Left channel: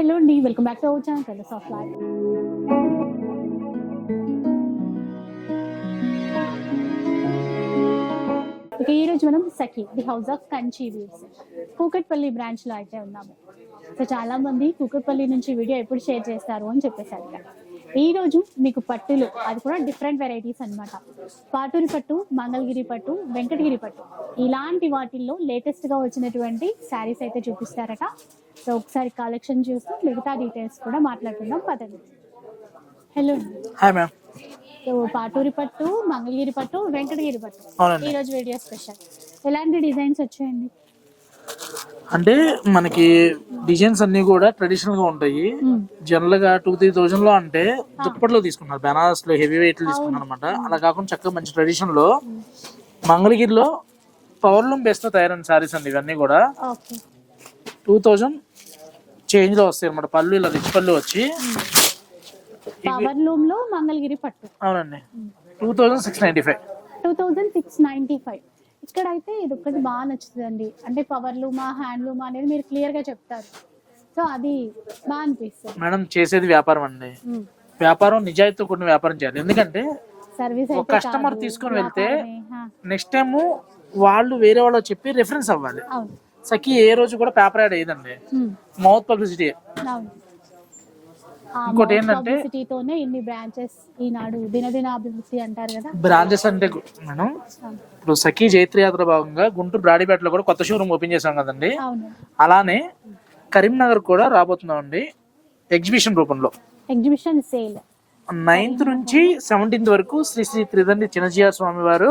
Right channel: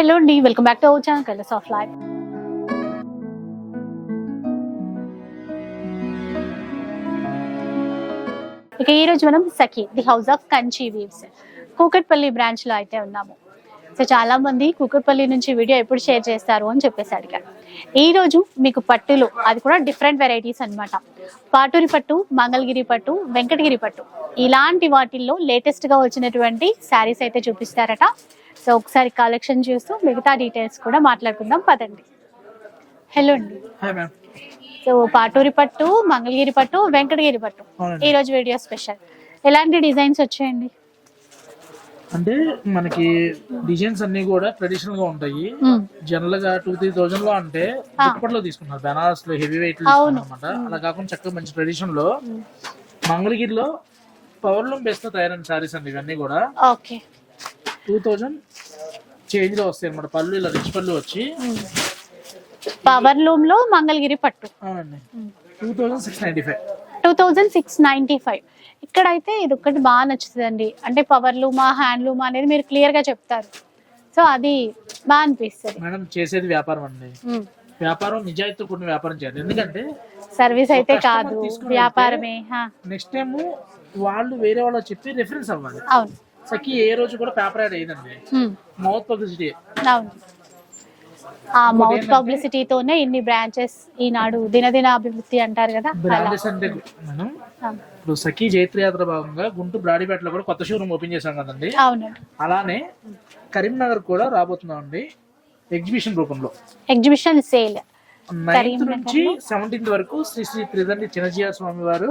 Hello అండి welcome back to our channel colours of life ఇక ఈ రోజు మనం Sakhi the house of Kanchi weaves Kukatpally బ్రాంచ్లో అయితే ఉన్నాము. సో చాలా మంది కూకట్పల్లి నుంచి వీడియో ఎప్పుడు షేర్ చేస్తారు అని చెప్పేసి అడిగారు ఈ రోజు మీకు పట్టులు అది కూడా డిఫరెంట్ వెరైటీస్ అన్నమాట. పాటూరి పట్టు మంగళగిరి పట్టు వెంకటగిరి పట్టు. ఇలాంటి వాటిల్లో లేటెస్ట్గా వచ్చినటువంటి శారీస్ అయితే చూపిస్తారట. సో ఒకసారి కలెక్షన్ చూస్తూ మిగతా డీటెయిల్స్ కూడా మాట్లాడుకుందాం పదండి. హలో అండి. హాయ్ మ్యామ్ సో పాటూరి పట్టు మంగళగిరి పట్టు వెంకటగిరి పట్టు. ఈ రోజు వీడియో స్పెషల్. ఎలాంటి డిజైన్స్ వచ్చాయండి? అంటే మనకి డిజైన్స్ అన్ని కూడా ట్రెడిషనల్గా ఉంటాయి. జనరల్గా టూ త్రీ థౌజండ్లో అంటే దుప్పట్లో తీసుకున్నారు. బెనారస్లో హెవీ వెయిట్ తీసుకున్నారు అనమాట అలా కాకుండా చక్కగా మంచి ట్రెడిషన్లో మంగళగిరిలో పవర్ లూమ్ బెస్ట్ తయారైన సారీస్ అండి ఇవన్నీ కూడా. ఓకే టూ థౌజండ్ చేంజ్లో వస్తాయి అనమాట పళ్ళు ఇలా రిచ్ పళ్ళు వచ్చి. పవర్ లూమ్లో మంగళగిరి పట్టు. అవునండి. Two thousand six ninety five. Two thousand six ninety five. ఇక్కడైతే ఇది ఒక్కటి బాగా నచ్చుతుందండి. అంటే పవర్ లూమా హ్యాండ్ లూమా అనేది మీరు క్లియర్గా చెప్తారు. సో అది బాగా అనిపిస్తుంది. మేడం చేసేది వ్యాపారం అండి. వ్యాపారం నిజాయితీతో కూడిన వ్యాపారం చేయాలి. ఎందుకంటే సర్వీస్ అయితే కాదు. వ్యాపారమే నెక్స్ట్ టైం వాళ్ళు వేరే వాళ్ళు చెప్పి రిఫరెన్స్ అవ్వాలి. అవును. సఖి ఏ రోజు కూడా పేపర్ యాడ్ అయ్యిందండి. మౌత్ పబ్లిసిటీ పబ్లిసిటీతోనే ఇన్ని బ్రాంచెస్ ఈనాడు దినదిన అభివృద్ధి అంటారు కదా. బ్రాంచెస్ అంటే మనం. ఇప్పుడు సఖీ జైత్ర యాత్ర భాగంగా గుంటూరు బ్రాడీపేటలో కూడా కొత్త షోరూమ్ ఓపెన్ చేశాం కదండి. అలానే కరీంనగర్ కూడా రాబోతున్నామండి ఎగ్జిబిషన్ రూపంలో. ఎగ్జిబిషన్ సేల్ నైన్త్ నుంచి సెవెంటీన్త్ వరకు శ్రీ శ్రీ త్రిదండి చిన్నజీయ స్వామి వారు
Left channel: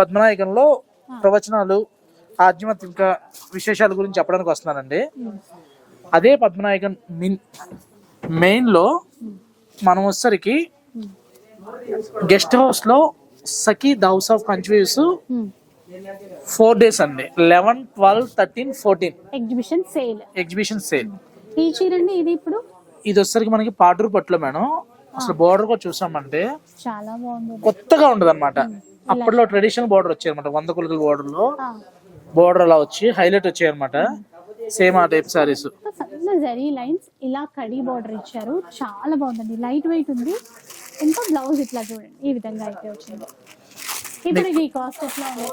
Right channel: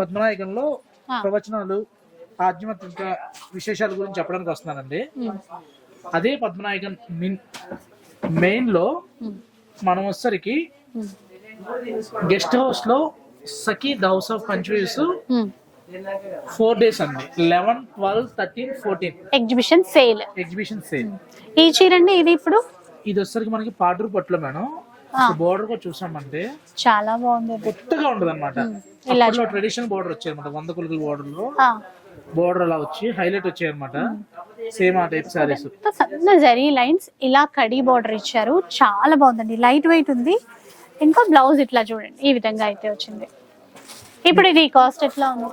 పద్మనాయకంలో. ప్రవచనాలు ఆధ్యాత్మిక విశేషాల గురించి చెప్పడానికి వస్తున్నానండి. అదే పద్మనాయకన్ మిన్ మెయిన్లో మనం వచ్చేసరికి గెస్ట్ హౌస్లో Sakhi the house of Kanchi weaves four days అండి. Eleven twelve thirteen fourteen. Exhibition sale exhibition sale ఈ చీర అండి ఇది ఇప్పుడు? ఇది వచ్చేసరికి మనకి పాటూరు పట్టులో మేడం. అసలు బోర్డర్ కూడా చూసామంటే చాలా బాగుంది. కొత్తగా ఉండదు అనమాట అప్పట్లో ట్రెడిషనల్ బోర్డర్ వచ్చాయి అనమాట వంద కొలతల బోర్డర్లో బోర్డర్ అలా వచ్చి హైలైట్ వచ్చాయి అనమాట సేమ్ ఆ టైప్ సారీస్ సన్న జరీ లైన్స్ ఇలా కడి బార్డర్ ఇచ్చారు. చాలా బాగుందండి. లైట్ వెయిట్ ఉంది. ఇంకా బ్లౌజ్ ఇట్లా చూడండి. ఈ విధంగా అయితే వచ్చింది. ఇప్పుడు ఇది కాస్ట్ ఎట్లా ఉంది?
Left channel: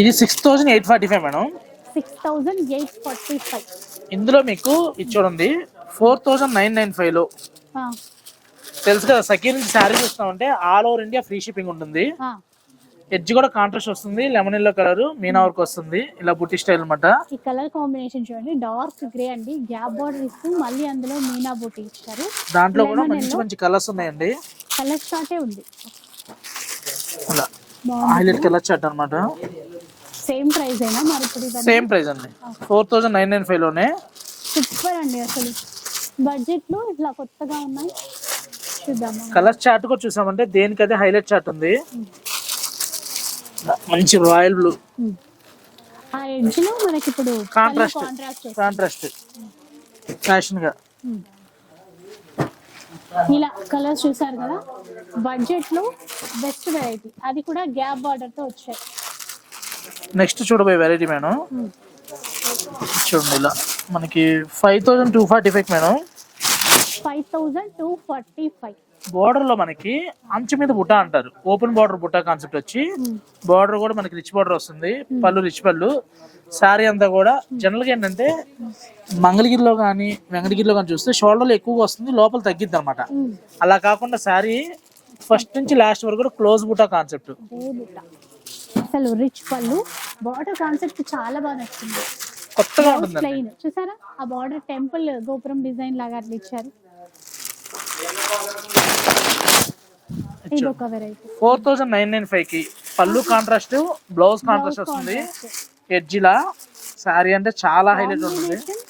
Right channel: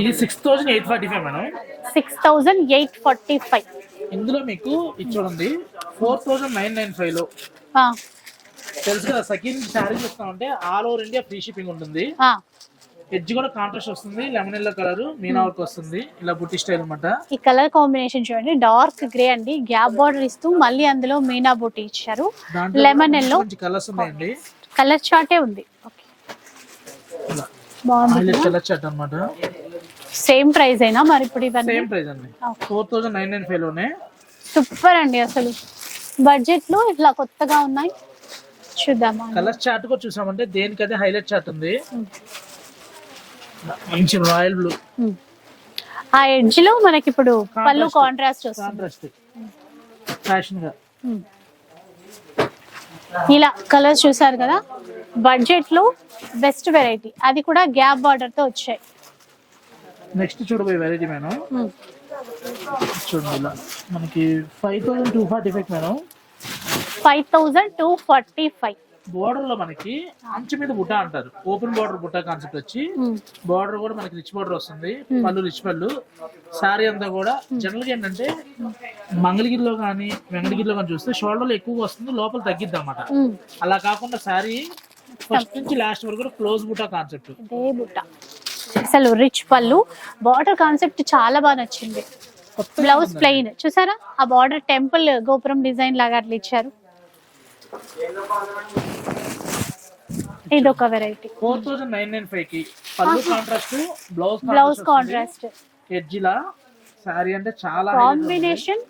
ఇది six thousand eight forty five madam. Six thousand eight forty five ఇందులో మీకు ఇది చూడండి. ఫోర్ థౌసండ్ నైన్ నైన్ ఫైవ్లో తెలుసు కదా second sari చూస్తామంటే all over India free shipping ఉంటుంది. ఎడ్జ్ కూడా కాంట్రాస్ట్ వస్తుంది lemon yellow colour Meena work వస్తుంది. ఇలా బుట్టి స్టైల్ అనమాట ఈ కలర్ కాంబినేషన్ చూడండి డార్క్ గ్రే అండి గ్యాప్ బార్డర్ ఇస్తూ మళ్ళీ అందులో మీనా బూటీ ఇచ్చారు. లెమన్ ఎల్లో మంచి కలర్స్ ఉన్నాయండి. కలర్ చార్టే ఉంది. హైలైట్ కలర్ చాట్ అనమాట సేమ్ ప్రైస్ అయినా మరి ఇప్పుడు ఇవన్నీ? సేమ్ ప్రైస్ అండి. ఫోర్ థౌసండ్ నైన్ నైన్ ఫైవ్లోనే. సూపర్ అండి అసలు. బడ్జెట్లో ఇట్లా కొత్తగా ఉన్నాయి. చూద్దామా? కలర్ చార్ట్ కూడా చూసామంటే దేనికైతే హైలైట్ చార్ట్ ఉంది. మంచి రాయల్ బ్లూ. ఆ ఎడ్జ్లో మనకి ఇప్పుడు పళ్ళు. కాంట్రాస్ట్. ఫ్యాషన్గా. ఇలా కలర్స్ చూసారు కదా? బడ్జెట్లో బెస్ట్ వెరైటీ. అది కూడా గ్యాప్ బార్డర్తో వచ్చాయి. నెక్స్ట్ చూడబోయే వెరైటీ మేడం. చూడండి ఇలా. మనకి five thousand two forty five madam. Five thousand two forty five. బోర్డర్లో మనకి అంచు మీద బుట్ట అంటారు. ఓపెన్ బార్డర్ బుట్ట కాన్సెప్ట్ వచ్చి. బార్డర్ కూడా మనకి రిచ్ బార్డర్ వస్తుంది. పళ్ళు రిచ్ పళ్ళు. శారీ అంతా కూడా జనరల్గా ఏంటంటే మంగళగిరిలో కానీ వెంకటగిరిలో కానీ చూస్తే షోల్డర్లో ఎక్కువగా వస్తుంది లోపల తగ్గిద్ది అనమాట. అలా కాకుండా శారీ ఫస్ట్ నుంచి లాస్ట్ వరకు కూడా క్లోజ్ బుట్ట కాన్సెప్ట్ అసలు రిచ్ పళ్ళు. బార్డర్ కాన్సెప్ట్ చాలా బాగా నచ్చింది. బ్లౌజ్. ప్లెయిన్ చూసారా? ఆ బార్డర్ టెంపుల్ గోపురం డిజైన్ లాగా అట్లా ఇచ్చారు. ఇది ఒక variety four thousand nine nine ఫైవ్కి పళ్ళు కాంట్రాస్ట్ బ్లౌజ్ బ్లౌజ్ కాంట్రాస్ట్ వస్తుంది. కాంట్రాస్ట్ ఎడ్జిలా శారీ అంటే చాలా హైలైట్ ఉంటుంది కాంబినేషన్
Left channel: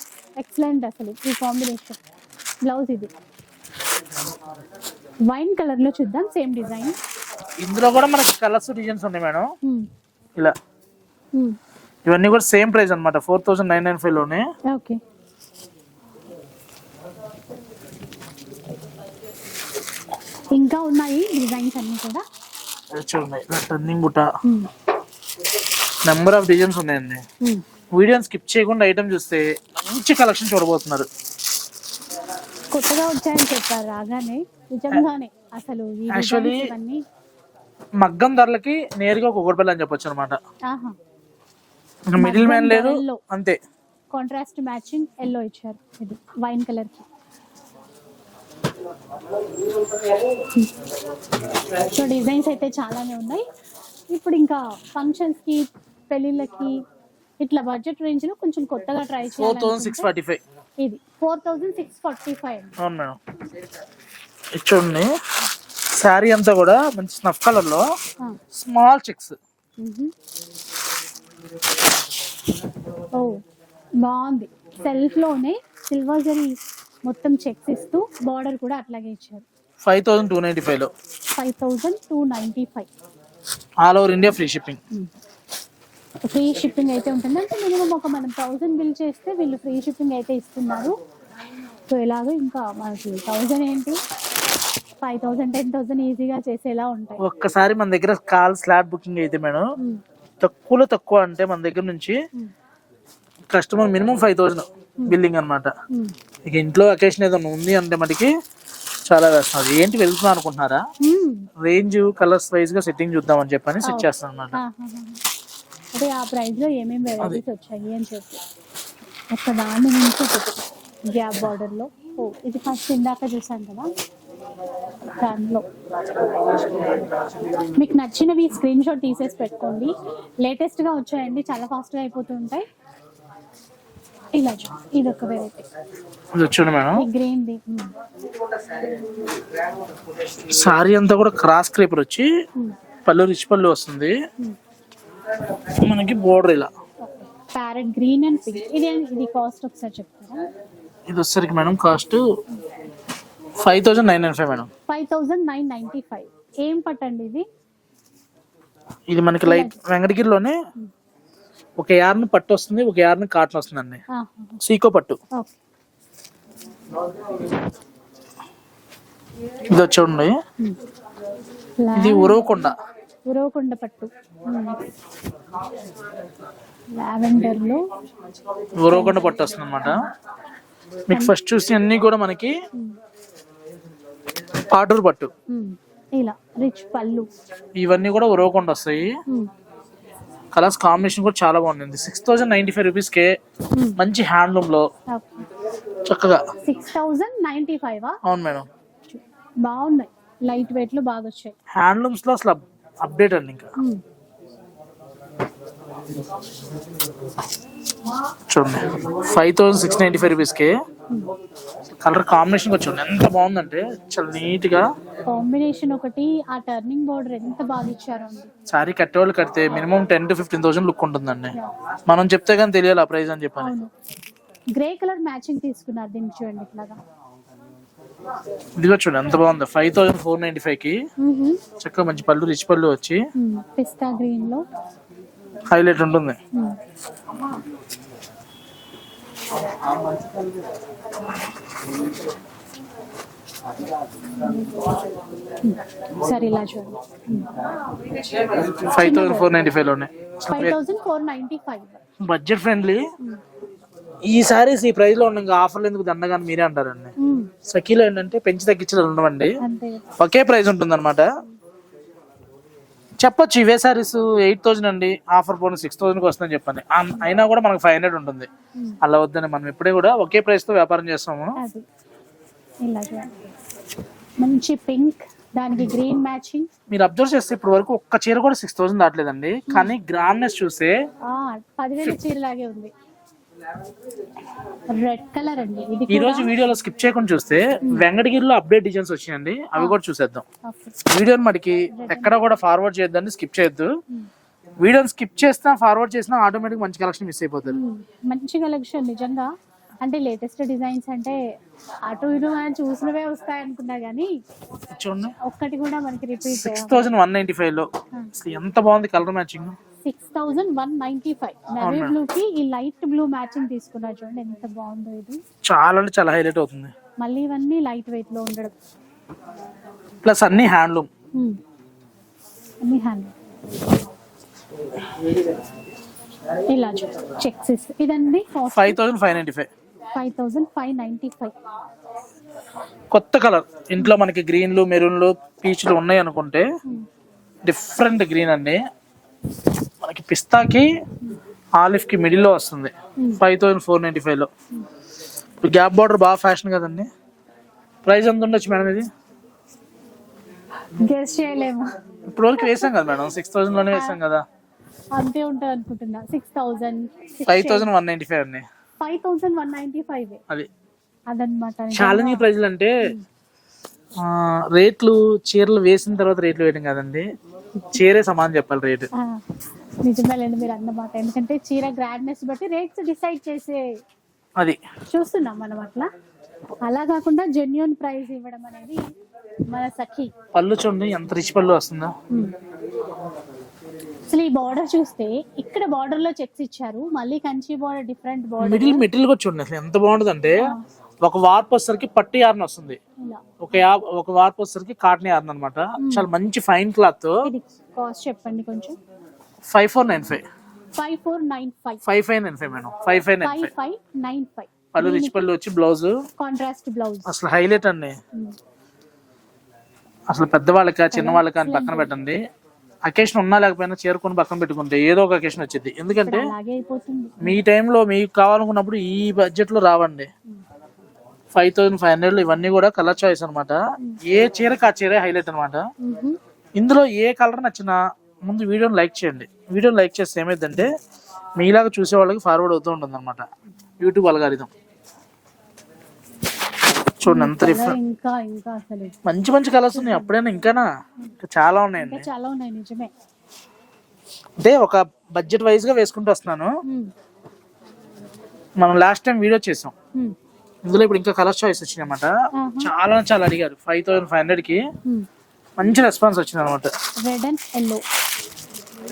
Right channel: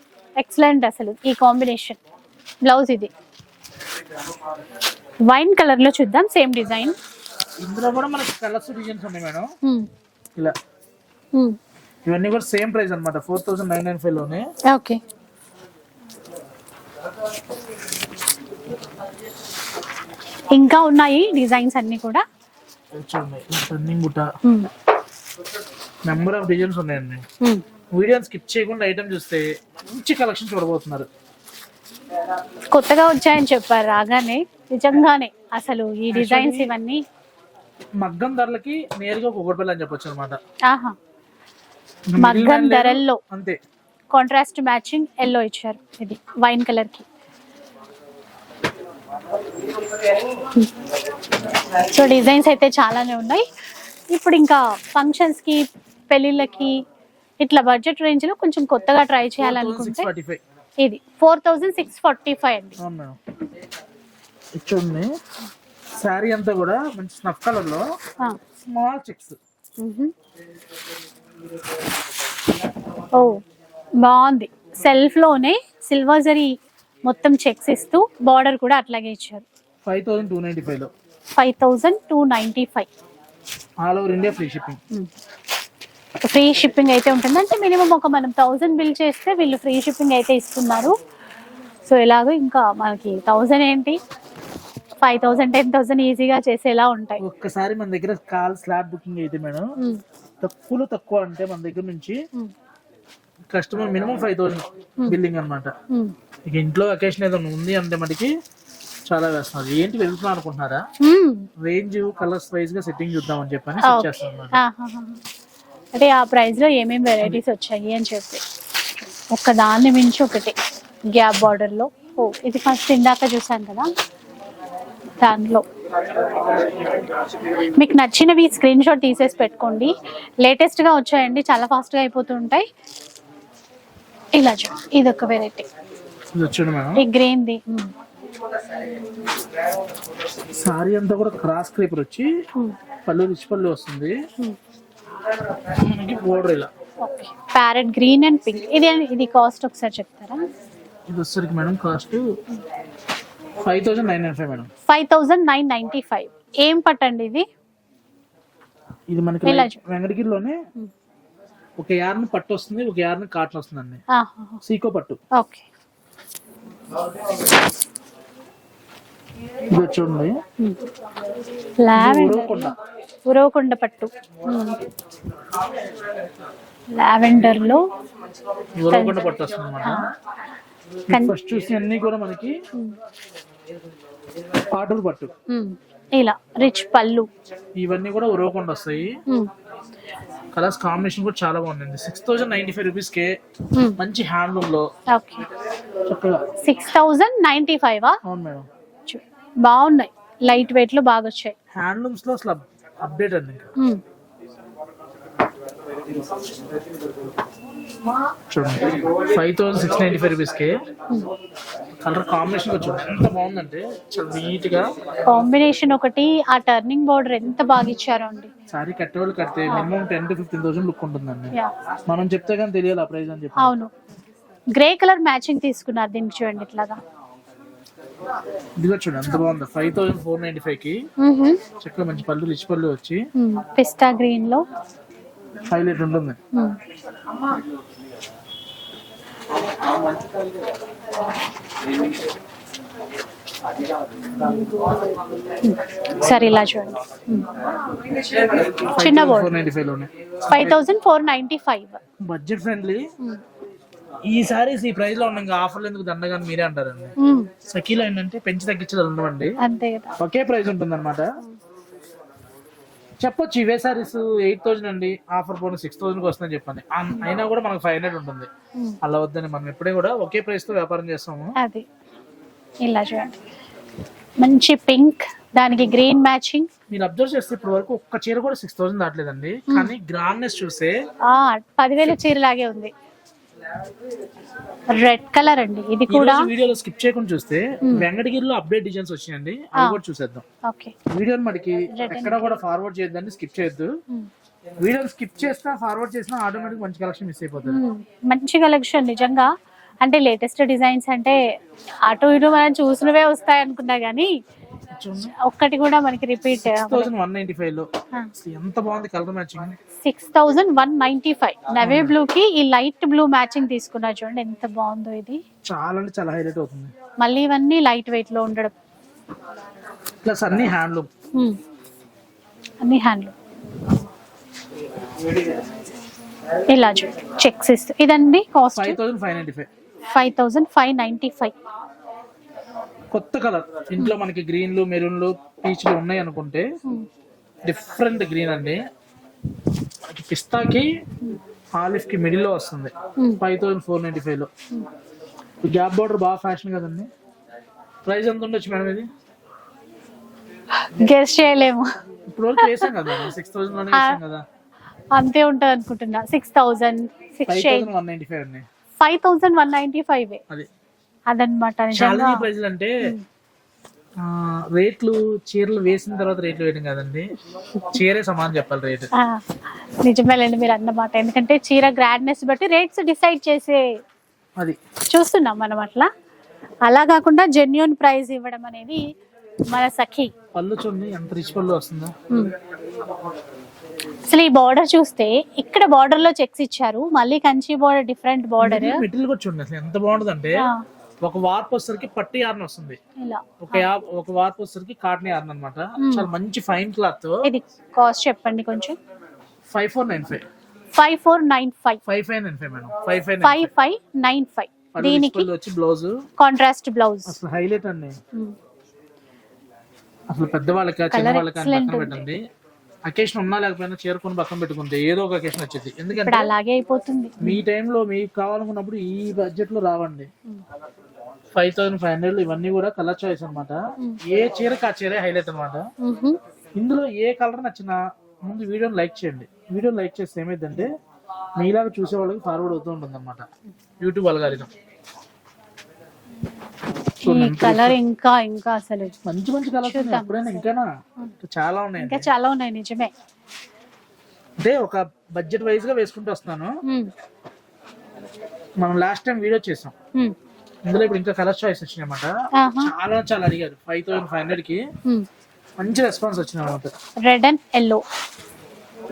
ఎక్సలెంట్ అసలు ఈ కాంబినేషన్ బ్లౌజ్ ఇది. వైన్ కలర్లో చూద్దాం సేమ్ డిజైన్ ఇందులో కూడా మనకి కలర్స్ డిజైన్స్ ఉన్నాయి మేడం. ఇలా. Hmm. ఇవన్నీ కూడా సేమ్ ప్రైస్ అన్నమాట ఫోర్ థౌసండ్ నైన్ నైన్ ఫైవ్లోనే. ఓకే ఇంకా ఉన్నాయి డిజైన్స్ అన్ని కూడా. చూడండి టర్నింగ్ బుట్ట. నెంబర్ ఆఫ్ డిజైన్స్ ఉన్నాయండి. వీడియోని స్కిప్ చేయకుండా ఐటమ్ చూస్తే మంచి కలెక్షన్ చూడబోతున్నారు. కొత్తగా వచ్చాయని చెప్పారు రాగానే. నిజంగానే అసలు ఈ డిజైన్స్ ఇవన్నీ. మగ్గం ధరలకి నేరుగా ఒక అని చెప్పొచ్చు అనమాట ఆహా. మగ్గం ధరల్లో. అంతే. కాంట్రాస్ట్ మ్యాచింగ్ ఎల్లో ఇచ్చారు ఇది వైన్ కలర్కి. సో డిజైన్స్ అయితే చాలానే ఉన్నాయి. ఇప్పుడు ఇంకా ఫంక్షన్స్కి పెళ్ళిళ్ళకి ఇట్లా బడ్జెట్ రేంజ్లో కొంచెం కొత్తగా ట్రై థౌసండ్ చేయాలనుకుంటే ఇది four thousand six forty five అండి. అవును? మేడం చూడండి శారీ అంతా కూడా మంచి స్నఫ్ కలర్లో స్మాల్ చెక్స్. ఓ బాగుంది. సెల్ఫ్లోనే సిల్వర్ జరీ మొత్తం చెక్స్ ఇస్తూ బార్డర్ కూడా అట్లాగే ఇచ్చారు. ఫైవ్ థౌసండ్ టూ నైన్టీ ఫైవ్లో. Five thousand two ninety five. All over India free shipping. Free shipping అయితే ఉంటుంది. అంటే మినిమం ఒక మనం థౌజండ్ బిల్ చేస్తే వీళ్ళు ఫ్రీ షిప్పింగ్ అయితే ఇస్తున్నారు. సో ఎలాగో ఇంకా మనకి థౌజండ్ ఏంటి? ఫైవ్ థౌజండ్ టెన్ థౌజండ్ ఈజీగా చేసేలా ఉంటాయి. ఒక్కసారి మన దగ్గర కాల్ స్లాట్ బుకింగ్ అయితే మేడం. తక్కువలో తక్కువ అంటే మన దగ్గర నుంచి. Customer minimum five thousand billing అనమాట. ఇక ఇంట్లో అకేషన్ ఏదైనా ఉంది అంటే మనకి చాలా వేస్తున్నారు ఏంటి వెళ్తున్నా అనుకుంటున్నారా. రేంజ్ కలర్స్ వైజ్గా సెట్టింగ్ చూద్దామని చెప్పని సెట్. చేస్తాను అనమాట. అంటే ఆ ప్రైస్లో ఏమేమి వెరైటీస్ వచ్చాయి అని చెప్పి. ఒక్క దాన్ని మించి ఒకటి. గ్యాప్ బార్డర్లో. ఓ ఇది ఫస్ట్ ఇందాక చూసాను కదా? దానిలో మీకు నచ్చినవి స్క్రీన్ షాట్ తీసేసి పెట్టుకోండి. లేటెస్ట్గా వచ్చాయండి. చాలా ఫాస్ట్గా అయిపోతుంటాయి. ఇలా చూడండి ఇది ఒక వెరైటీ చూడండి మేడం. ఈ గ్రీన్ ది సారీ అంతా కూడా క్రాస్ క్రేపర్ వచ్చి పళ్ళు రిచ్ పళ్ళు వస్తుంది. మనకి బోర్డర్ ఇలా. ప్యారెట్ గ్రీన్ అండ్ పింక్ ఇది ఇది కాస్ట్ ఒకసారి చెప్తారా? ఇది వచ్చేసరికి madam cost five thousand nine nine five madam. Five thousand nine ninety five ఏం పట్టండి ఇది? ఇది మనకి వెంకటగిరిలోనే ఒక యార్ని పట్టు వస్తుంది ఒక యార్ని కాటన్ వస్తుంది అండి. సీకో పట్టు. ఇది లావెండర్. ఉరవకొండ. ఉరవకొండ పట్టు. లావెండర్లో ఉరవకొండ పట్టు వస్తుంది అనమాట మీకు ఫస్ట్ చూసి అన్ని కూడా మనకి పాటూరు పట్టు. ఇలా రిచ్ పళ్ళు. ఇవన్నీ కూడా ఉరవకొండ వస్తాయి. కలర్స్ కాంబినేషన్ కూడా చాలా బాగుంది six thousand ninety five rupees కే మ్మ్. మంచి హ్యాండ్లూమ్లో చక్కగా. సిక్స్ థౌజండ్ నైన్టీ ఫైవ్ అవును మేడం. బాగున్నాయి. లైట్ వెయిట్లో బాగా వచ్చాయి. హ్యాండ్లూమ్స్లో అసలు అప్డేట్ అండి ఇంకా. మ్మ్. చూడండి. Five thousand six ninety five రూపీస్కి కలర్ కాంబినేషన్ చూడండి ఎంత బాగుందంటే చాలా నీట్గా కాంబినేషన్ ఒకటి ఆ టర్నింగ్ బార్డర్ ఎంత బాగా ఇచ్చారో అండి. సారీ కట్టే వాళ్ళు కడితే minimum ten to fifteen thousand look ఉంటుందండి. మనం చెప్తే కానీ తెలియాలి ఆ ప్రైస్ అని చెప్పి. అవును. గ్రే కలర్ మ్యాచింగ్ తీసుకున్నారు దీనికి చూడండి ఇట్లాగా. ఇదిగో చూడండి ఎంత బాగుంది. ఫైవ్ థౌసండ్ ఫోర్ నైన్టీ ఫైవ్కి. చక్కగా మంచి పళ్ళు రిచ్ పళ్ళు వచ్చి. పిస్తా గ్రీన్లో హైలైట్ ఉంటుంది. సరే ఇలా చూడండి. చిన్న thousand. Four ninety ఫైవ్లోనే. Five thousand four ninety five. Budget friendly. ఈ సారీస్ ఈ ప్రైస్లో ఉన్నాయి ఆఫర్లు ఎందుకు దండగాని మీరే అంటారండి. సఖీలో ఏంటంటే పెంచి తగ్గించడం ఉండవండి. ఒకే ప్రైస్ ఉంటుంది అనమాట చెప్పొచ్చు ఇవే సారీస్ ఎయిట్ థౌసండ్ అండి ఆఫర్ పోను సిక్స్ థౌసండ్కి వస్తుందని చెప్పండి. అయినా కూడా మనకు ఫైవ్ హండ్రెడ్ ఉంటుంది. మ్మ్. అలా వద్దని మనం ఎప్పుడే కూడా ఒకే ప్రైస్తో వ్యాపారం చేస్తాము. అది. ఇలా చూడండి. మంచి పింక్ దానికి గ్రీన్ మ్యాచింగ్ మీరు అబ్జర్వ్ చేస్తే ఇప్పుడు వరకు ఒక్క చీర కూడా సిక్స్ థౌసండ్ దాటలేదండి. కానీ గ్రామ్నెస్ చూస్తే పదివేల చీరలాగే ఉంది. రెడ్ కలర్ అండి. ఇది ఈ కూడా రోజు వీడియోలో స్కిప్ చేయకుండా చూస్తే వెంకటగిరిలో అప్డేట్ డిజైన్స్ వచ్చినాయండి. అవి కూడా చూసేద్దాం. ఓకే. వీడియోని మనకి ఎక్కడ కూడా ఫార్వర్డ్ చేయొద్దండి స్కిప్ చేయొద్దు. వీడియోని స్కిప్ చేసినా ఫార్వర్డ్ చేసినా ఆటోమేటిక్ మంచి కలెక్షన్ మిస్ అయిపోతుంది. మంచి కలెక్షన్ నిజంగా. అంటే లేటెస్ట్ డిజైన్స్ అంటే అటు ఇటు మనం చూసినవే వస్తాయి అనుకున్నా కానీ చూడండి. ఒక్కటి కూడా మనకి repeat six thousand one ninety ఫైవ్లో. ఎంత బాగుంది colour matching six thousand one ninety five navy blue కి ఈ లైట్ బ్లూ మ్యాచింగ్ తీసుకున్నా చూడండి ఎంత బాగుందో ఇది. చాలా అంటే చాలా హైలైట్ అవుతుంది. మళ్ళీ ఇవన్నీ లైట్ వెయిట్లో ఉండడం. ప్లస్ అన్ని హ్యాండ్లూమ్. అన్ని హ్యాండ్లు ఇలా చెక్స్ ఇస్తూ. ఇదండి cost five thousand five ninety five five thousand five ninety five కొత్త కలర్. ఇంట్లో మనకి గ్రీన్లు మెరూన్లు పీచ్లు ఉన్నాయి అనుకుంటే డిఫరెంట్ గ్రీన్ అండి. మనకి పిస్తాకి ఆలిఫ్కి మిడిల్లో వస్తుంది. ఫైవ్ థౌసండ్ ఫోర్ నైన్టీ ఫైవ్లో. గ్యాప్ బార్డర్ బాగా ఫ్యాషన్ కదండి. ప్రైస్ ఎంత ఉండొచ్చు మేడం ఇది? గెస్ చేయలేము. ఇప్పుడు వరకు వేసాం కదా మేడం. సిక్స్ థౌసండ్లోనే వేసాం కదా. అంతే ఉంటుంది అనుకుంటున్నా. Six thousand five thousand one ninety five అండి. Five thousand one ninety five అది. అదనమాట. ఛాలెంజ్ ప్రైజ్లు అంటే ఆ, రేట్లు చీరలు వేసిన తర్వాత రేట్లు వేయడం కదండి. చీరే సమానం చెప్పాలి రేటు. నిజమేలేండి మీరు అన్నమాట ఎందుకంటే చీర గ్రాండ్నెస్ బట్టి రేట్స్ డిసైడ్ చేసే అది. చూస్తున్నాం మనం అట్లా. అలా కాకుండా జెన్యున్ ప్రైస్ ఇవ్వడం అనేది మన సఖి. పళ్ళు చూడండి ఎంత రిచ్ పళ్ళు వస్తుందో. అసలు ఈ బార్డర్ చూస్తే ఇక్కడ బార్డర్లో చెక్స్ ఇచ్చారు. మళ్ళీ Kanchi border different border middle material కూడా చూడండి అసలు ఎంత బాగుంటుంది అంటే ఒక వార్ప్ వచ్చేసరికి పట్టు యార్న్ వస్తుంది. ఒక ఒక వార్ప్ వచ్చేసరికి కాటన్ యార్న్ అనమాట చాలా మంచి ఫైన్ క్లాత్. ఇది కాస్ట్ చెప్పండి కొంచెం. Five four nine five. Five four nine five. Five five nine five madam. Five five five five. Nine five. పళ్ళు వచ్చి బ్లౌజ్. Contrast blouse. అసలు హైలైట్ అండి. అసలు పెద్దవాళ్ళకి చిన్న వాళ్ళకి అని పక్కన పెట్టండి. అకేషన్ ఉన్నా లేకపోయినా చేరుకొని పక్కన పెట్టుకుంటే ఏదో ఒక అకేషన్ వచ్చింది ఎందుకంటే అలాగే అయిపోతుంది. మీ టైంలో మీకు కావాలనుకున్నప్పుడు ఈ బడ్జెట్లో రావండి. ఫైవ్ థౌసండ్ ఫైవ్ హండ్రెడ్ ఇవన్నీ కూడా కలర్ చాయిస్ అన్నమాట. ఏ చీరకి ఆ చీరే హైలైట్ అన్నమాట. మ్హూ. ఇందులో ఏ కలర్ నచ్చినా ముందు వీడియోని లైక్ చేయండి. వీడియోని లైక్ చేస్తే ఏమైందంటే మీలాగా చూసే వాళ్ళకి ఫార్వర్డ్ అవుతూ ఉంటుంది అనమాట యూట్యూబ్ అల్గారిథం చూడండి ఇంకా ఇంకా అసలు. మంచి మంచి కలర్స్ ఉన్నాయి. అప్పుడైనా ఇంకానా? ఇంకా చాలా ఉన్నాయండి ఇంకా చాలా ఉన్నాయి నిజమే. అంటే ఒక బడ్జెట్ వైజ్గా వేసుకుంటూ వస్తున్నాను. మనం లాస్ట్ టైం వీడియో చేసాం. ఇందులో ఇప్పుడు ఇంకా కలర్ చాయిస్ వచ్చినాయి అనమాట. చాలా చాలా అడిగారు. ఫైవ్ థౌసండ్ ఫైవ్ హండ్రెడ్కి. మంచి రెస్పాన్స్ వచ్చింది అనమాట రెడ్ అండ్ ఎల్లో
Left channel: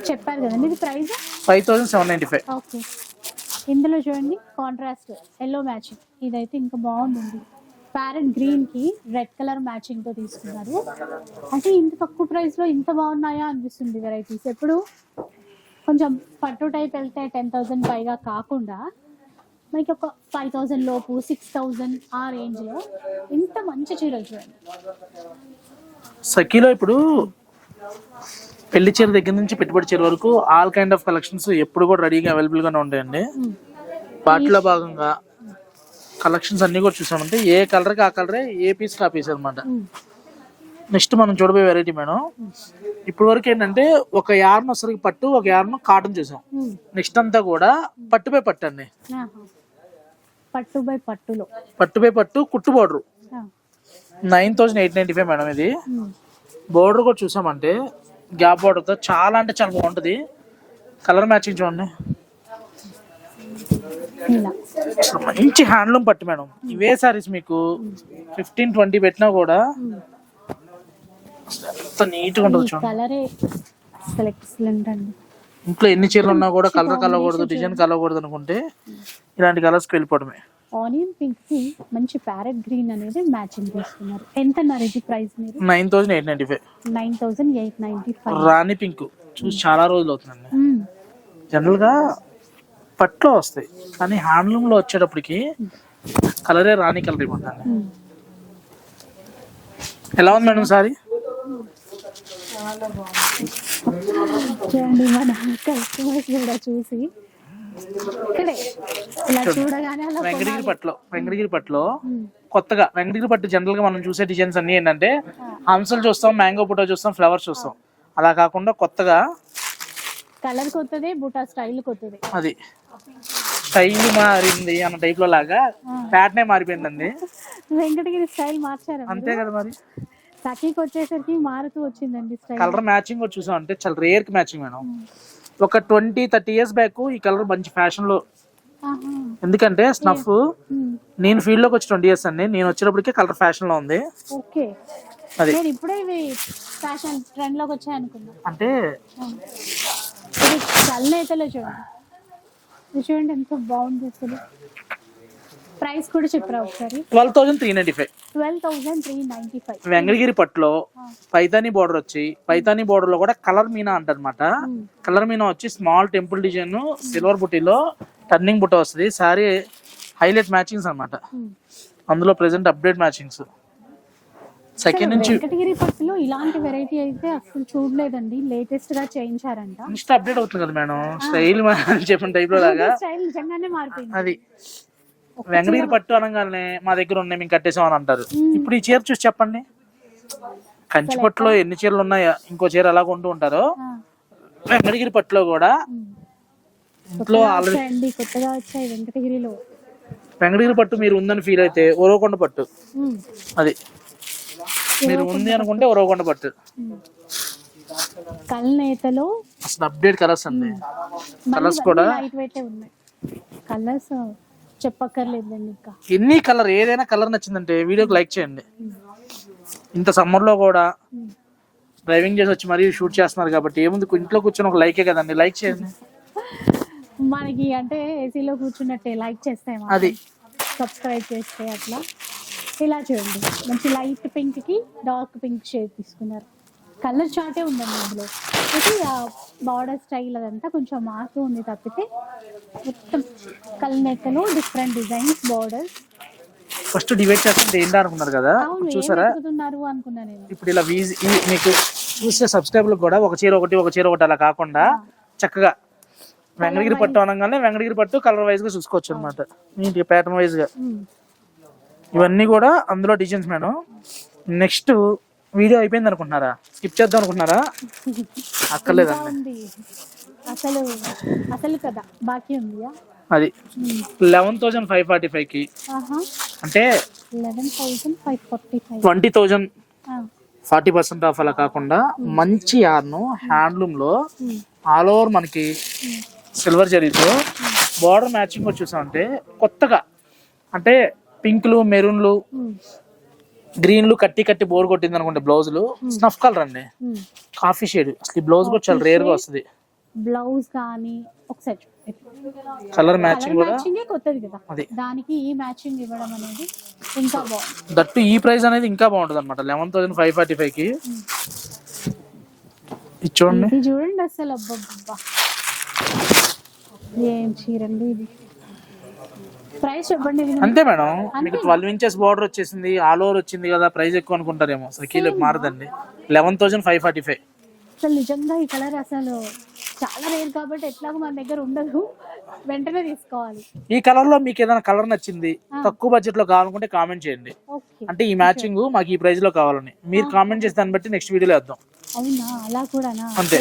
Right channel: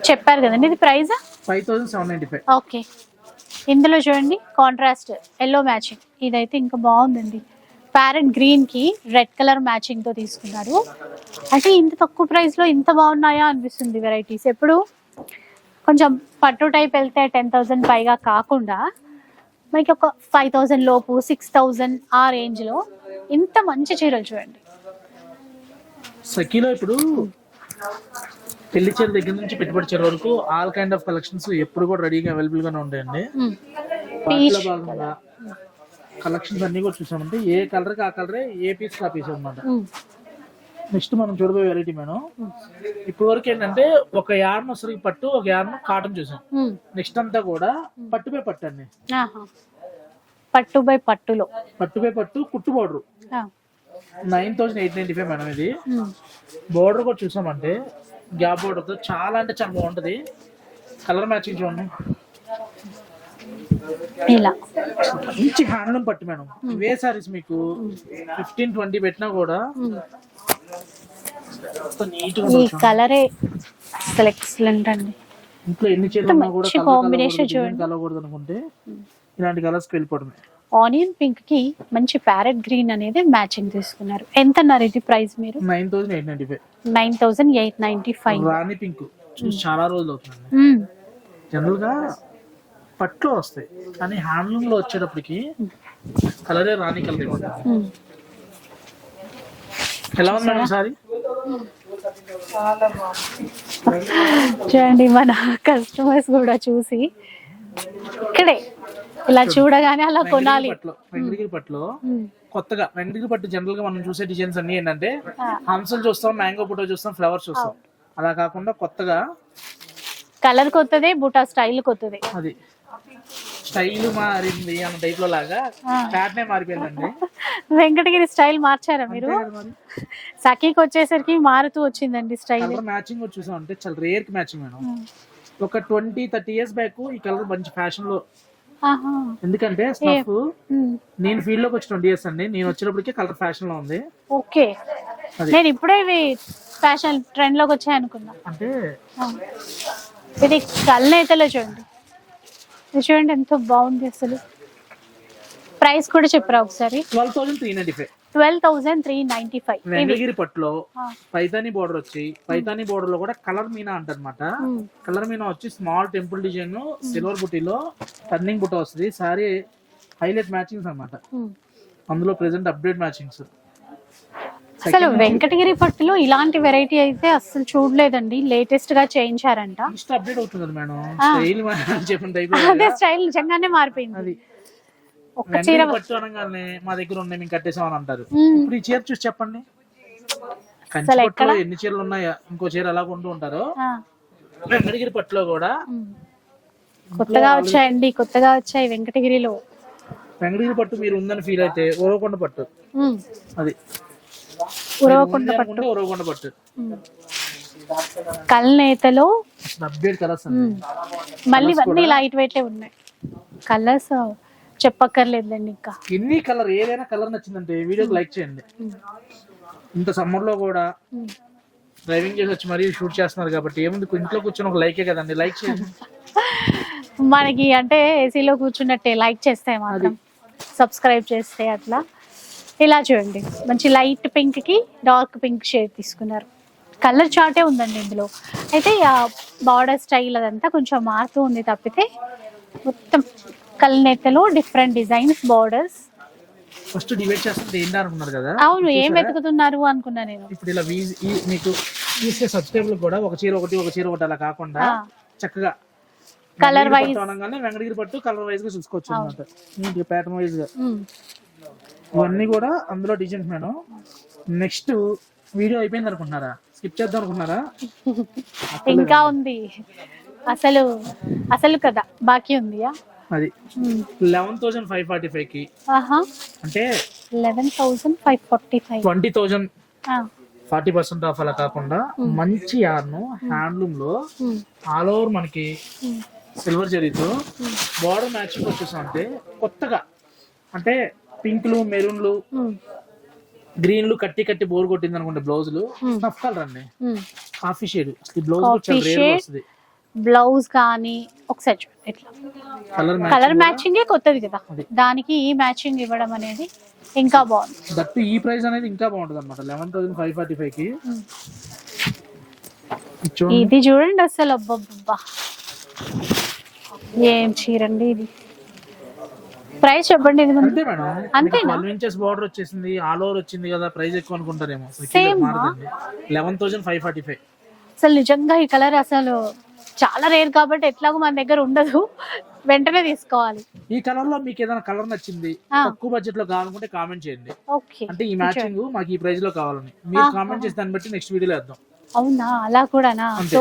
చెప్పారు కదండి ఇది price five thousand seven ninety five okay ఇందులో చూడండి కాంట్రాస్ట్ ఎల్లో మ్యాచింగ్ ఇదైతే ఇంకా బాగుందండి. ప్యారెట్ గ్రీన్కి రెడ్ కలర్ మ్యాచింగ్తో తీసుకున్నారు. అంటే ఇంత తక్కువ ప్రైస్లో ఇంత బాగున్నాయా అనిపిస్తుంది వెరైటీస్ ఎప్పుడు కొంచెం పట్టు టైప్ వెళ్తే టెన్ థౌసండ్ పైగా కాకుండా మనకి ఒక ఫైవ్ థౌసండ్ లోపు సిక్స్ థౌసండ్ ఆ రేంజ్లో ఇంత మంచి చీరలు చూడండి సఖీలో ఇప్పుడు పెళ్ళి చీర దగ్గర నుంచి పెట్టుబడి చీర వరకు ఆల్ కైండ్ ఆఫ్ కలెక్షన్స్ ఎప్పుడు కూడా రెడీగా అవైలబుల్ గానే ఉంటాయండి. వాటిలో భాగంగా కలెక్షన్స్ అన్ని కూడా చూసామంటే ఏ కలర్కి ఆ కలరే ఏ పీస్ కా పీస్ అనమాట. నెక్స్ట్ మనం చూడబోయే వెరైటీ మేడం. ఇప్పుడు వరకు ఏంటంటే ఒక యార్న్ వసరికి పట్టు ఒక యార్న్ కాటన్ చూసాం. నెక్స్ట్ అంతా కూడా పట్టుపై పట్టు అండి. ఆహా. పట్టు బై పట్టులో. పట్టుపై పట్టు కుట్టు border. Nine thousand eight ninety five madam ఇది. బోర్డర్ కూడా చూసామంటే గ్యాప్ బోర్డర్తో చాలా అంటే చాలా బాగుంటుంది. కలర్ మ్యాచింగ్ చూడండి. ఇలా. మంచి హ్యాండ్లూమ్ పట్టు మేడం. ఇవే సారీస్ మీకు. ఫిఫ్టీన్ ట్వంటీ పెట్టినా కూడా ఈ. కలరే అసలు ఎక్సలెంట్ అండి. ఇంట్లో ఎన్ని చీరలు ఉన్నా కూడా కలర్ కలవకూడదు డిజైన్ కలవకూడదు అనుకుంటే ఇలాంటి కలర్స్కి వెళ్ళిపోవడమే. ఆనియన్ పింక్కి మంచి ప్యారెట్ గ్రీన్ అనేది మ్యాచింగ్ తీసుకున్నారు. ఎంత అన్నారు ఇది ప్రైస్ మీరు? Nine thousand eight ninety five. Nine thousand eight ninety five. రాణి పింక్. చూసి చాలా రోజులు అవుతుందండి. జనరల్గా పట్లో వస్తాయి. కానీ హ్యాండ్లూమ్లో వచ్చేటప్పటికి కలరే రాణి కలర్ ఎలా ఉంది మేడం సారీ? చూడండి మన కస్టమర్స్ కూడా చూసి. ఇక్కడే ఇలా చూడగానే అలా వెంకటగిరి కొనాలి. పట్లో వెంకటగిరి పట్లో. కొత్తగా వెంకటగిరి పట్టు జనరల్గా మనం చూసే డిజైన్స్ అన్ని ఏంటంటే. హంసలు చూస్తాం మ్యాంగో ఫోటో చూస్తాం ఫ్లవర్స్ చూస్తాం. అలా కాకుండా కొత్తగా కలర్ కొత్తదే బూటా స్టైల్ కొత్తదే. అది. స్టైల్ మారింది అన్న టైప్లో లాగా ప్యాటర్నే మారిపోయిందండి. వెంకటగిరి స్టైల్ మార్చారా మీరు? అంతే కదా మరి. సఖీకి వచ్చేసరికి మారుతూ వచ్చిందండి స్టైల్. కలర్ మ్యాచింగ్ కూడా చూసాం. అంటే చాలా రేర్కి మ్యాచింగ్ మేడం. ఒక ట్వంటీ థర్టీ ఇయర్స్ బ్యాక్ ఈ కలర్ మంచి ఫ్యాషన్లో ఎందుకంటే స్నఫ్. నేను ఫీల్డ్లోకి వచ్చి ట్వంటీ ఇయర్స్ అండి. నేను వచ్చేటప్పటికే కలర్ ఫ్యాషన్లో ఉంది. ఓకే. నేను ఇప్పుడే ఇవి ఫ్యాషన్ ట్రెండ్లోకి వచ్చాయి అనుకున్నా. అంటే. ఇది కల్నేతలో చూడండి. చూడండి ఎంతో బాగుంది అసలు. ప్రైస్ కూడా చెప్పరా ఒకసారి? Twelve thousand three ninety five. Twelve thousand three ninety five Venkatagiri పట్టులో పైతాని బోర్డర్ వచ్చి పైతాని బోర్డర్లో కూడా కలర్ మీనా అంటారనమాట కలర్ మీనా వచ్చి స్మాల్ టెంపుల్ డిజైన్ సిల్వర్ బుట్టీలో టర్నింగ్ బుట్ట వస్తుంది. సారీ హైలైట్ మ్యాచింగ్స్ అన్నమాట. అందులో ప్రెసెంట్ అప్డేట్ మ్యాచింగ్స్ అసలు వెంకటగిరి పట్టులో ఇలాంటి వెరైటీ అయితే అసలు చూడలేదండి. లేటెస్ట్గా చేయించారంట అప్డేట్ అవుతుంది కదా మేడం? స్టైల్ చెప్పిన టైప్ స్టైల్ నిజంగానే మారిపోయింది. అది. వెంకటగిరి పట్టు అనగానే మా దగ్గర ఉన్నాయి మేము కట్టేసాం అని అంటారు. ఇప్పుడు ఈ చీర చూసి చెప్పండి. కంచి పట్టులో ఎన్ని చీరలు ఉన్నాయో ఇంకో చీర ఎలా కొంటూ ఉంటారో. వెంకటగిరి పట్టులో కూడా. కొత్తగా వచ్చాయండి కొత్తగా వచ్చాయి వెంకటగిరిలో. వెంకటగిరి పట్టు మీరు ఉందని ఫీల్ అయితే ఉరవకొండ పట్టు. అది. అనుకుంటే ఉరవకొండ పట్టు. కల్నేతలో అప్డేట్ కలర్స్ అండి మళ్ళీ లైట్ వెయిట్ ఉన్నాయి. కలర్స్ చెప్పక్కర్లేదండి ఇంకా. ఎన్ని కలర్ ఏదైనా కలర్ నచ్చిందంటే వీడియోకి లైక్ చేయండి. ఇంత సమ్మర్లో కూడా. డ్రైవింగ్ చేసి వచ్చి మరీ షూట్ చేస్తున్నారు కాబట్టి ఏముంది ఇంట్లో కూర్చొని ఒక లైకే కదండి. లైక్ చేయండి. మనకి అంటే ఏసీలో కూర్చున్నట్టే లైక్ చేస్తే అది. సబ్స్క్రైబ్ చేస్తే అట్లా. ఇలా చూడండి. మంచి లైట్ పింక్కి డార్క్ పింక్ షేడ్ తీసుకున్నారు. కలర్ చార్టే ఉందండి ఇందులో. అయితే బార్డర్ స్టైల్ అదంతా కొంచెం మారుతూ ఉంది తప్పితే మొత్తం కళ్ళనెత్తలో different designs borders first divide చేస్తుంటే ఏంటి అనుకున్నారు కదా? అవును ఏం? వెతుకుతున్నారు అనుకున్నా నేను. ఇప్పుడు ఇలా మీకు చూసే సబ్స్క్రైబర్ కూడా ఒక చీర ఒకటి ఒక చీర ఒకటి అలా కాకుండా. చక్కగా wise. పట్టు అనగానే వెంకటగిరి పట్టు కలర్ వైజ్గా చూసుకోవచ్చు అనమాట నీట్ ప్యాటర్న్ వైజ్గా. ఇవన్నీ కూడా అందులో డిజైన్స్ మేడం. నెక్స్ట్ వీడియో అయిపోయింది అనుకుంటున్నారా? స్కిప్ చేద్దాం అనుకుంటున్నారా? అక్కర్లేదు ఇంకా ఉంది. అసలు అసలు కదా బాకీ ఉందియా? అది. లెవెన్ థౌసండ్ ఫైవ్ ఫార్టీ ఫైవ్కి. అంటే eleven thousand five forty five twenty thousand forty percent off అలా కాకుండా మంచి యార్ను హ్యాండ్లూమ్లో ఆల్ ఓవర్ మనకి సిల్వర్ జరీతో బార్డర్ మ్యాచింగ్ కూడా చూసామంటే కొత్తగా. అంటే పింక్లు మెరూన్లు గ్రీన్లు కట్టి కట్టి బోర్ కొట్టింది అనుకుంటే బ్లౌజులు స్నఫ్ కలర్ అండి. Coffee shade. అసలు ఈ బ్లౌజ్ కూడా చాలా రేర్. వస్తుంది. బ్లౌజ్ కానీ ఒకసారి ఇట్లా. కలర్ మ్యాచింగ్ కొత్తది కదా. దానికి ఈ మ్యాచింగ్ ఇవ్వడం అనేది ఇంకా బాగుంది. దట్టు ఈ ప్రైస్ అనేది ఇంకా బాగుంటుంది అనమాట లెవెన్ థౌసండ్ ఫైవ్ ఫార్టీ ఫైవ్కి ఇది చూడండి. అసలు. అబ్బబ్బబ్బా. ఏం చీరండి ఇది. ప్రైస్ చెప్పండి. అంతే మేడం? ట్వెల్వ్ ఇంచెస్ బార్డర్ వచ్చేసింది. ఆల్ ఓవర్ వచ్చింది కదా ప్రైస్ ఎక్కువ అనుకుంటారేమో. అసలు మారదండి. Eleven thousand five forty five. అసలు నిజంగా ఈ కలర్ అసలు చాలా రేర్ కాబట్టి ఎట్లాగో మన దగ్గర ఉండదు. వెంటనే తీసుకోవాలి. ఈ కలర్లో మీకు ఏదైనా కలర్ నచ్చింది. తక్కువ బడ్జెట్లో కావాలనుకుంటే కామెంట్ చేయండి. అంటే ఈ మ్యాచింగ్ మాకు ఈ ప్రైస్లో కావాలని. మీరు కామెంట్ చేసి దాన్ని బట్టి నెక్స్ట్ వీడియోలో వేద్దాం. అవునా? అలా కూడానా. సో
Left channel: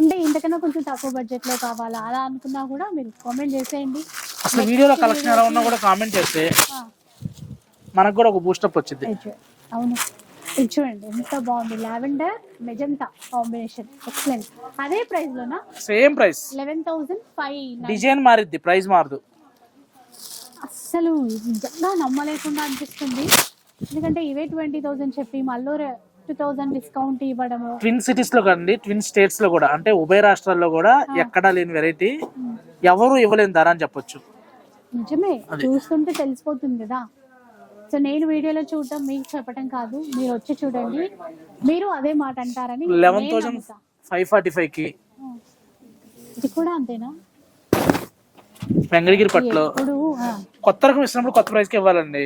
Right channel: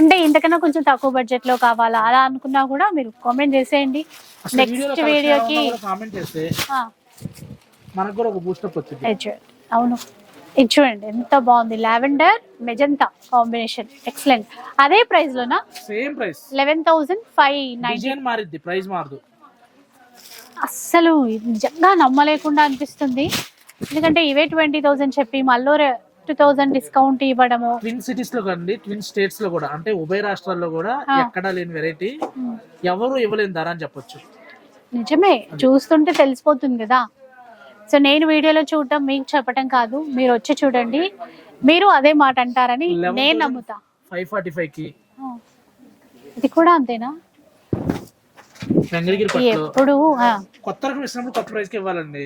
అంటే ఇంతకన్నా కొంచెం తక్కువ బడ్జెట్లో కావాలా? అలా అనుకున్నా కూడా మీరు కామెంట్ చేసేయండి. నెక్స్ట్ వీడియోకి కామెంట్ చేస్తే మనకు కూడా ఒక బూస్టప్ వచ్చింది అవును. ఇది చూడండి ఎంత బాగుంది. లావెండర్ మెజంతా కాంబినేషన్ ఎక్సలెంట్ అదే ప్రైస్ లోనా? Same price eleven thousand five design మారిద్ది price మారదు. అస్సలు నిజంగా నమ్మలేకుండా అనిపిస్తుంది. ఎందుకంటే ఇవే ట్వంటీ థౌసండ్ చెప్పి మళ్ళీ టూ థౌసండ్ డిస్కౌంట్ ఇవ్వడము. ట్విన్ సిటీస్లో కండి ట్విన్ స్టేట్స్లో కూడా. అంటే ఉభయ రాష్ట్రాల్లో కూడా ఎక్కడా లేని వెరైటీ ఎవరు ఇవ్వలేని ధర అని చెప్పొచ్చు. నిజమే. చూస్తుంటే తెలిసిపోతుంది కదా. సో నేను వీడియోలో చూడటం మీకు చెప్పటం కాదు. మీరు వచ్చి చూడండి. మీరు అదే మాట అంటారని నేను నమ్ముతా. ఫైవ్ ఫార్టీ ఫైవ్కి. ఇది కూడా అంతేనా? పట్టులో. ఎప్పుడు కొత్త రకం ఇచ్చినప్పుడు కొత్త ప్రైస్కి ఇవ్వాలండి.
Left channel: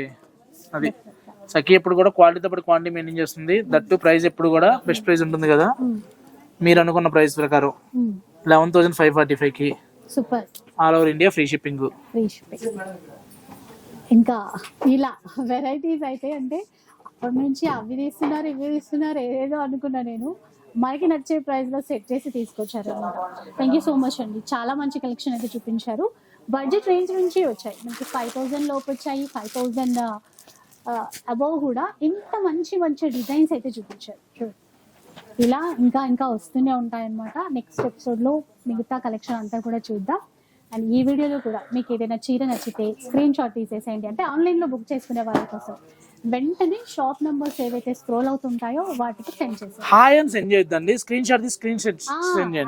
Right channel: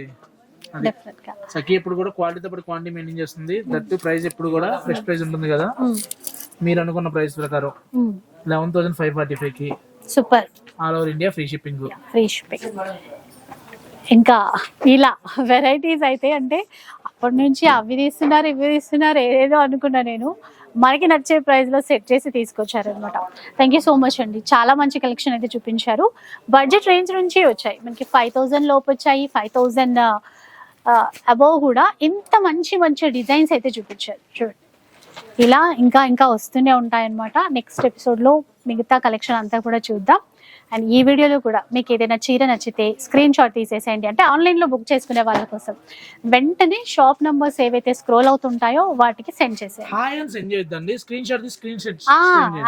అది. సఖి ఎప్పుడు కూడా క్వాలిటీతో పాటు క్వాంటిటీ మెయింటైన్ చేస్తుంది. దట్టు ప్రైస్ ఎప్పుడు కూడా బెస్ట్ ప్రైస్ ఉంటుంది కదా. మీరు అనుకున్న ప్రైస్ ప్రకారం. లెవెన్ థౌసండ్ ఫైవ్ ఫార్టీ ఫైవ్కి. Super all over India free shipping free shipping ఇంకా ఇలా వెరైటీస్ అయితే అంటే అప్పటి నుంచి అవి తీస్తున్నారు ఇవి తీస్తున్నారు ఏదేదో అనుకున్నా నేను. మనకి నచ్చే ప్రైస్లో సెట్ చేసి తీసుకొచ్చారు అనమాట థ్యాంక్ యూ సో మచ్ అండి. చాలా మంచి కలెక్షన్ అయితే చూపించారు. బడ్జెట్ రేంజ్ నుంచి వచ్చాయి. మనకి ఫైవ్ థౌజండ్ లోపు వచ్చాయి. ఫైవ్ థౌజండ్ అబోవ్ కూడా ఇంత మంచి మంచి డిజైన్స్ అయితే చూపించారు. చూడండి ఇలా ఇంకా ఇంకా వస్తూనే ఉంటాయన్నమాట. నెక్స్ట్ ఎపిసోడ్లో మిగతా కలెక్షన్ అంతా కూడా చూద్దాం. అండ్ ఈ వీడియోలో కూడా మీకు ఏదైనా చీర నచ్చితే స్క్రీన్ షాట్ తీసేసేయండి. అంటే ఆన్లైన్లో బుక్ చేసుకునే వాళ్ళ కోసం. వెంటనే షాప్ నంబర్స్ ఏవైతే స్క్రోల్ అవుతుంటాయో వాటికి సెండ్ చేసేయండి. హాయ్ అని సెండ్ చేయొద్దండి. స్క్రీన్ షాట్ స్క్రీన్ షాట్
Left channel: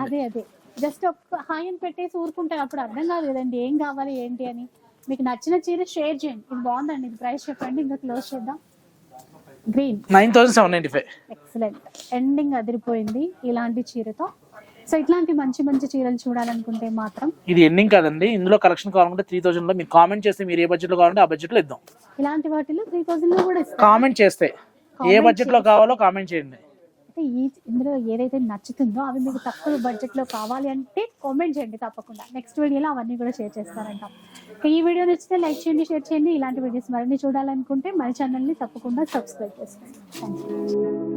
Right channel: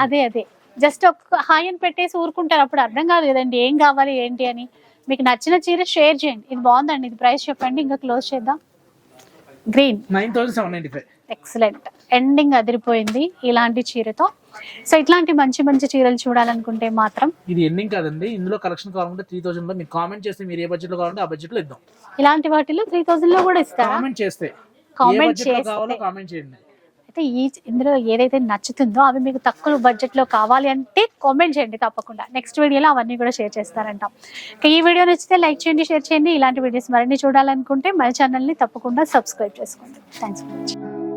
అదే అదే. జస్ట్ ఒక హాయ్ అని పెట్టేసి ఊరుకుంటారు. అప్పుడు అర్థం కాదు కదండి. ఏం కావాలి ఏంటి అని. మీకు నచ్చిన చీర షేర్ చేయండి. ఇది బాగుందండి. ఇది ప్రైస్ చెప్పండి. ఇంకా క్లోజ్ చేద్దాం. Green nine thousand seven ninety five. Excellent ending అదిరిపోయింది ఇలాంటి చీరతో. సో ఇట్లాంటి మంచి మంచి చీరలు చూడాలనుకుంటే మాత్రం ఇది ఎండింగ్ కాదండి. ఇందులో కలెక్షన్ కావాలంటే త్రీ థౌసండ్లో మీరు కామెంట్ చేస్తే మీరు ఏ బడ్జెట్లో కావాలంటే ఆ బడ్జెట్లో ఇద్దాం. ఇలాంటి వాటిలో త్రీ థౌజండ్లో కూడా ఇస్తారు? కామెంట్ చేస్తే ఏ బడ్జెట్లో. కావాలో కామెంట్ చేయండి. అయితే ఈ ఇందులో ఏదైతే నచ్చుతుందో అవి మీకు తక్కువ బడ్జెట్లో కావాలి అంటే కామెంట్ చేయండి తప్పకుండా. నెక్స్ట్ వీడియోలో అవన్నీ కూడా షేర్ చేస్తారంట. ఇక ఈ వీడియో నచ్చితే లైక్ చేయండి షేర్ చేయండి. ఇలాంటి వీడియోస్ మరిన్ని చూడాలనుకుంటే మన ఛానల్ని తప్పకుండా సబ్స్క్రైబ్ చేసుకోండి. Thanks for watching